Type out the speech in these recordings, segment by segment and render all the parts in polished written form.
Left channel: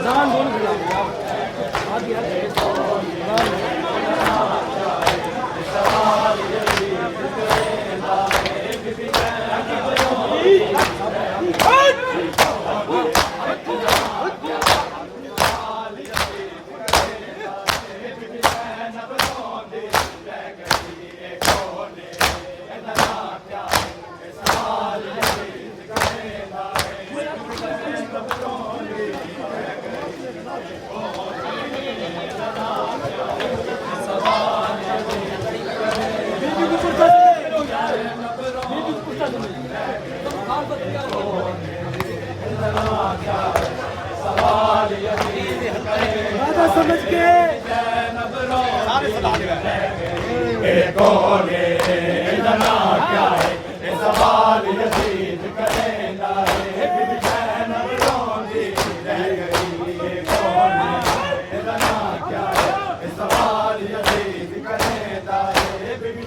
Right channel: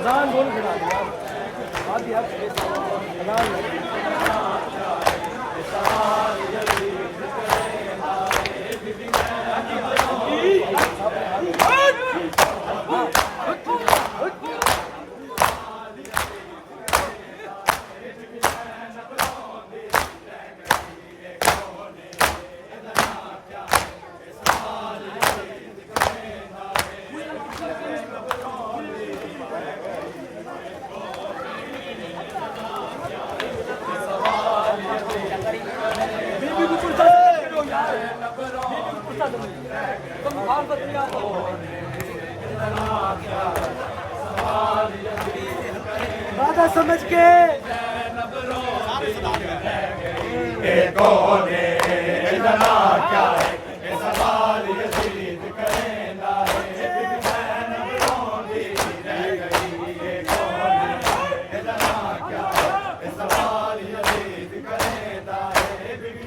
अजान बोल खड़ा यार आज यार बाबा समझ के कौन है जना क्या है सवाल यजीद करेंदा है बिन रोंदी रह गई कौन है जना क्या है सवाल यजीद करेंदा है बिन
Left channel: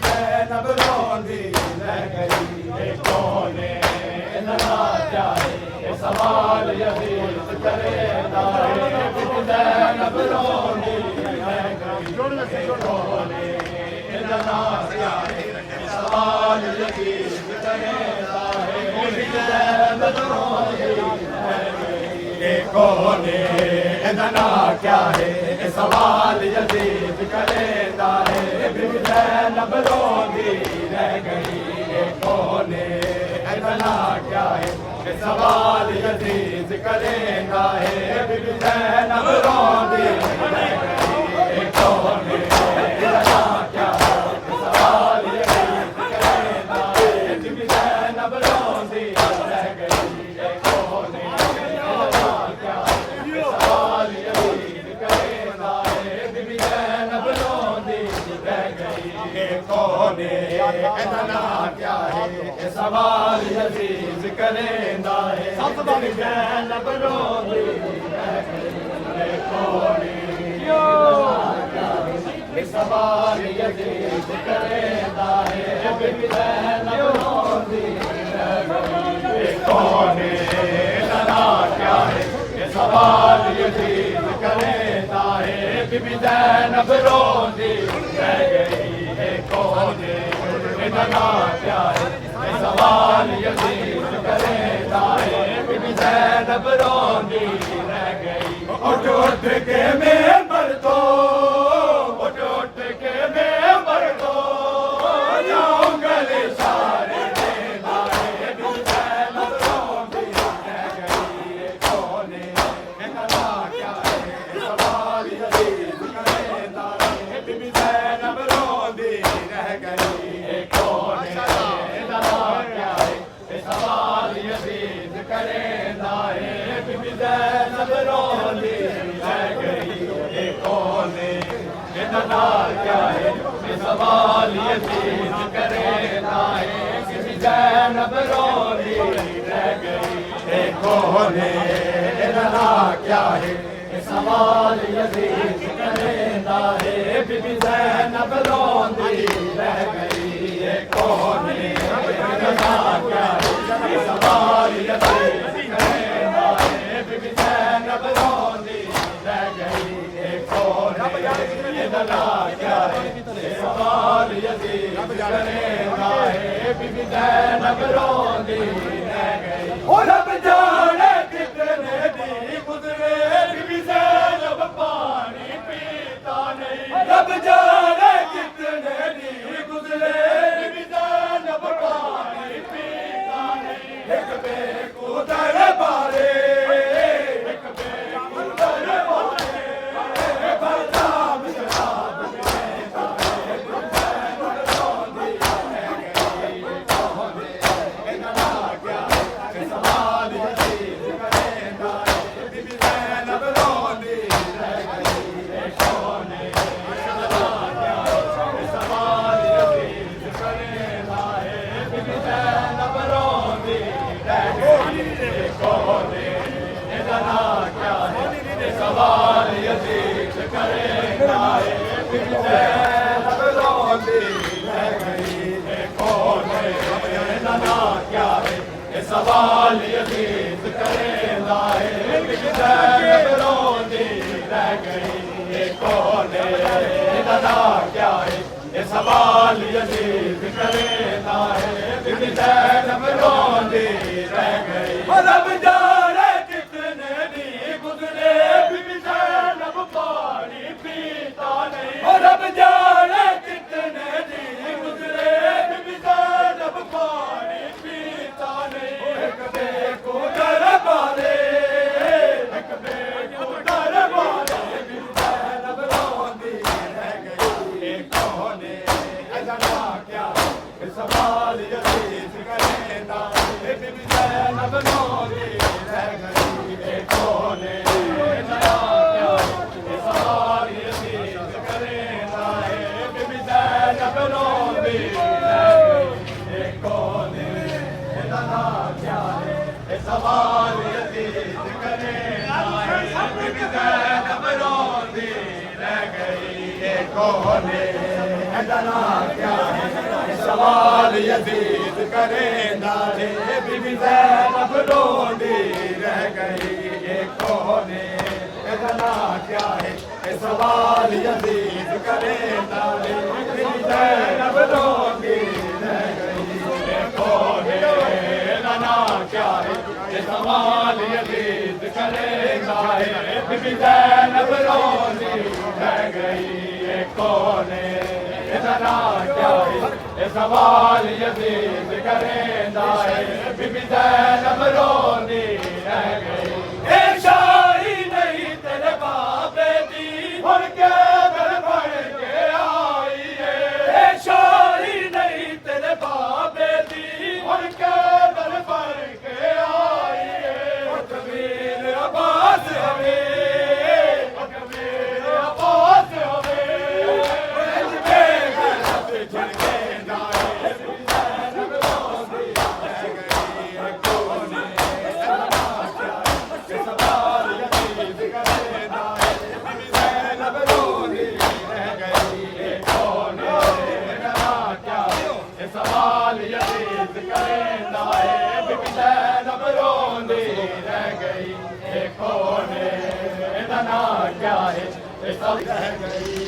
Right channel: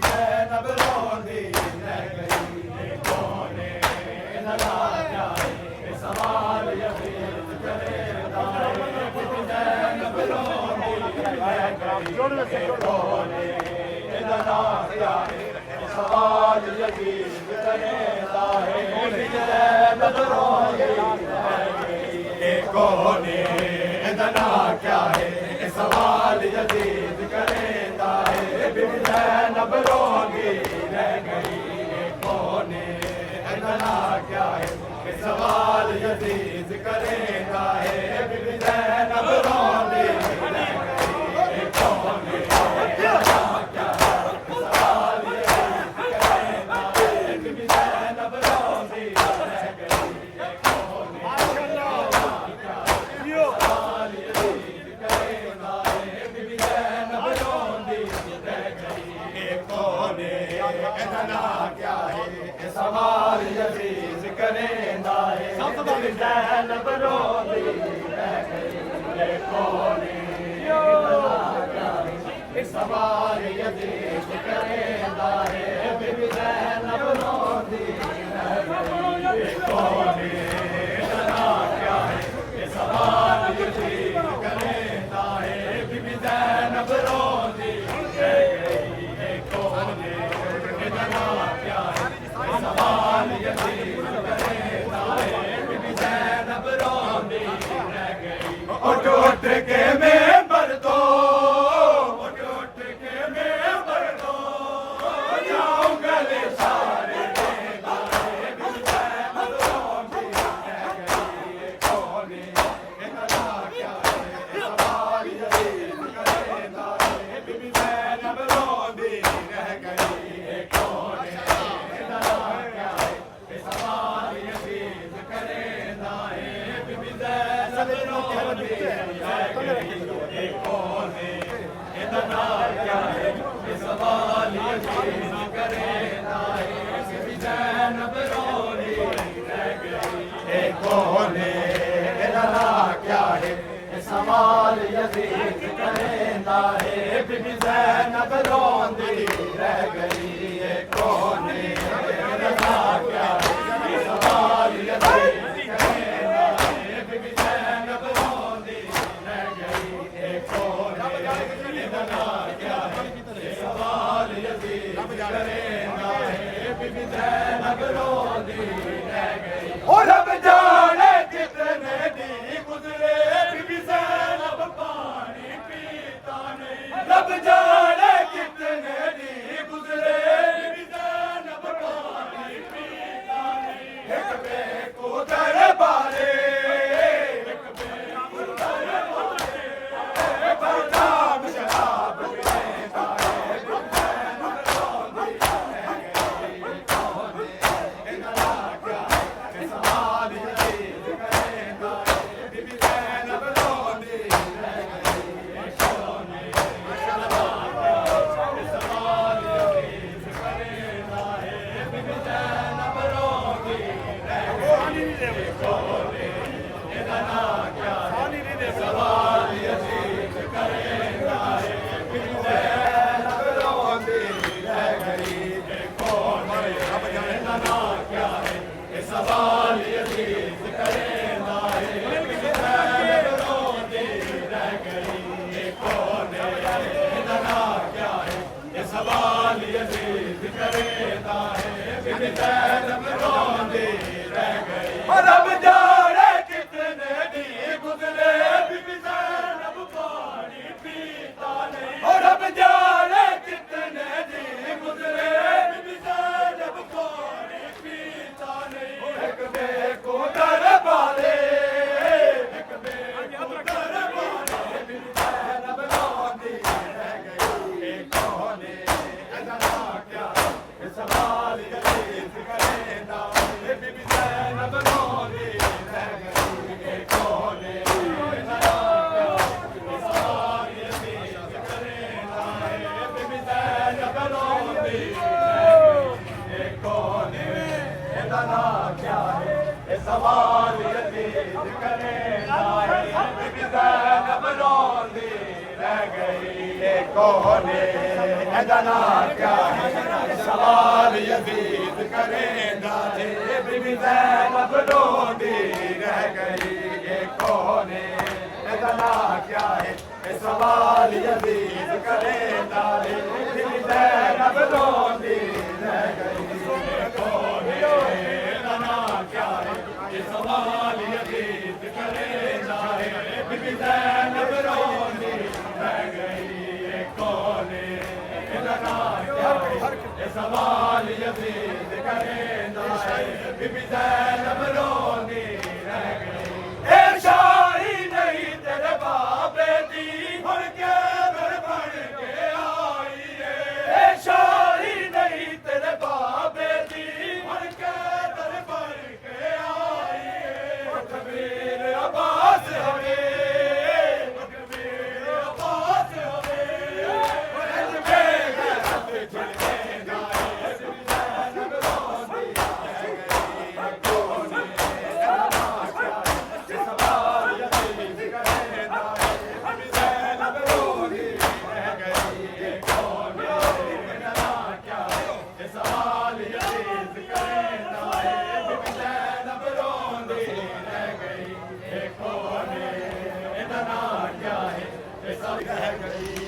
रोंदी रह गई कौन है जना क्या है सवाल यजीद करेंदा है बिन रोंदी रह गई कौन है जना क्या है सवाल यजीद करेंदा है कौन जना क्या है सवाल यजीद करेंदा है बिन रोंदी रह गई कौन जना क्या है सवाल यजीद करेंदा है बिन रोंदी रह गई कौन जना क्या है सवाल यजीद करेंदा है बिन रोंदी रह गई कौन कौन जना क्या है सवाल यजीद करेंदा है लब रोंदी रह गई कौन सवाल यजीद करेंदा है लब रोंदी रह गई कौन जना क्या है सवाल यजीद करेंदा है लब रोंदी रह गई कौन जना क्या है सवाल यजीद करेंदा है लब रोंदी रह गई उठ के मेंबर दो उठ के मेंबर दो जाओ गले सारे देना है लब रोंदी रह गई कौन जना क्या है सवाल यजीद करेंदा है लब रोंदी रह गई कौन जना क्या है सवाल यजीद करेंदा है लब रोंदी रह गई कौन जना क्या है सवाल यजीद करेंदा है लब रोंदी रह गई कौन जना क्या है सवाल यजीद करेंदा है लब रोंदी रह गई कौन जना क्या है सवाल यजीद करेंदा है लब रोंदी रह गई कौन जना क्या है सवाल यजीद करेंदा है लब रोंदी रह गई जाने कितने दी गुजरे ज़ैनब पानी पीता नहीं एक बेकू दरबारे एक बेकू दरबारे बदाम शराब पीता है ज़ैनब रोंदी रह गई कौन इतना क्या सवाल यजीद करेंदा है बीबी ज़ैनब रोंदी रह गई कौन सवाल यजीद करेंदा है बीबी ज़ैनब रोंदी रह गई कौन इतना क्या सवाल यजीद करेंदा है बीबी ज़ैनब रोंदी रह गई कौन इतना क्या सवाल यजीद करेंदा है बीबी ज़ैनब रोंदी रह गई कौन इतना क्या है सवाल यजीद करेंदा है बीबी ज़ैनब रोंदी रह गई रब जाने कितने दी गुजरे बीबी ज़ैनब पानी पीता नहीं रब जाने कितने दी गुजरे बीबी ज़ैनब पानी पीता नहीं एक बेको दरबारे एक बेको दरबारे बीबी ज़ैनब रोंदी रह गई कौन इतना क्या सवाल यजीद करेंदा है बीबी ज़ैनब रोंदी रह गई कौन इतना क्या सवाल यजीद करेंदा है बीबी ज़ैनब रोंदी रह गई कौन इतना क्या सवाल यजीद करेंदा है बीबी ज़ैनब रोंदी रह गई कौन इतना क्या सवाल यजीद करेंदा है बीबी ज़ैनब रोंदी रह गई कौन इतना क्या है सवाल यजीद करेंदा है बीबी ज़ैनब रोंदी रह गई कौन इतना क्या है सवाल यजीद करेंदा है बीबी ज़ैनब रोंदी रह गई कौन इतना क्या है सवाल यजीद करेंदा है बीबी ज़ैनब रोंदी रह गई ए शाही नहीं तेरे बाबे दी हुण के घर बन के आई है ए शाही नहीं तेरे बाबे दी हुण के घर बन के आई है कबीर अब्बास हवे कबीर अब्बास हवे सवाल यजीद करेंदा है बीबी ज़ैनब रोंदी रह गई कौन इतना क्या है सब रह गई।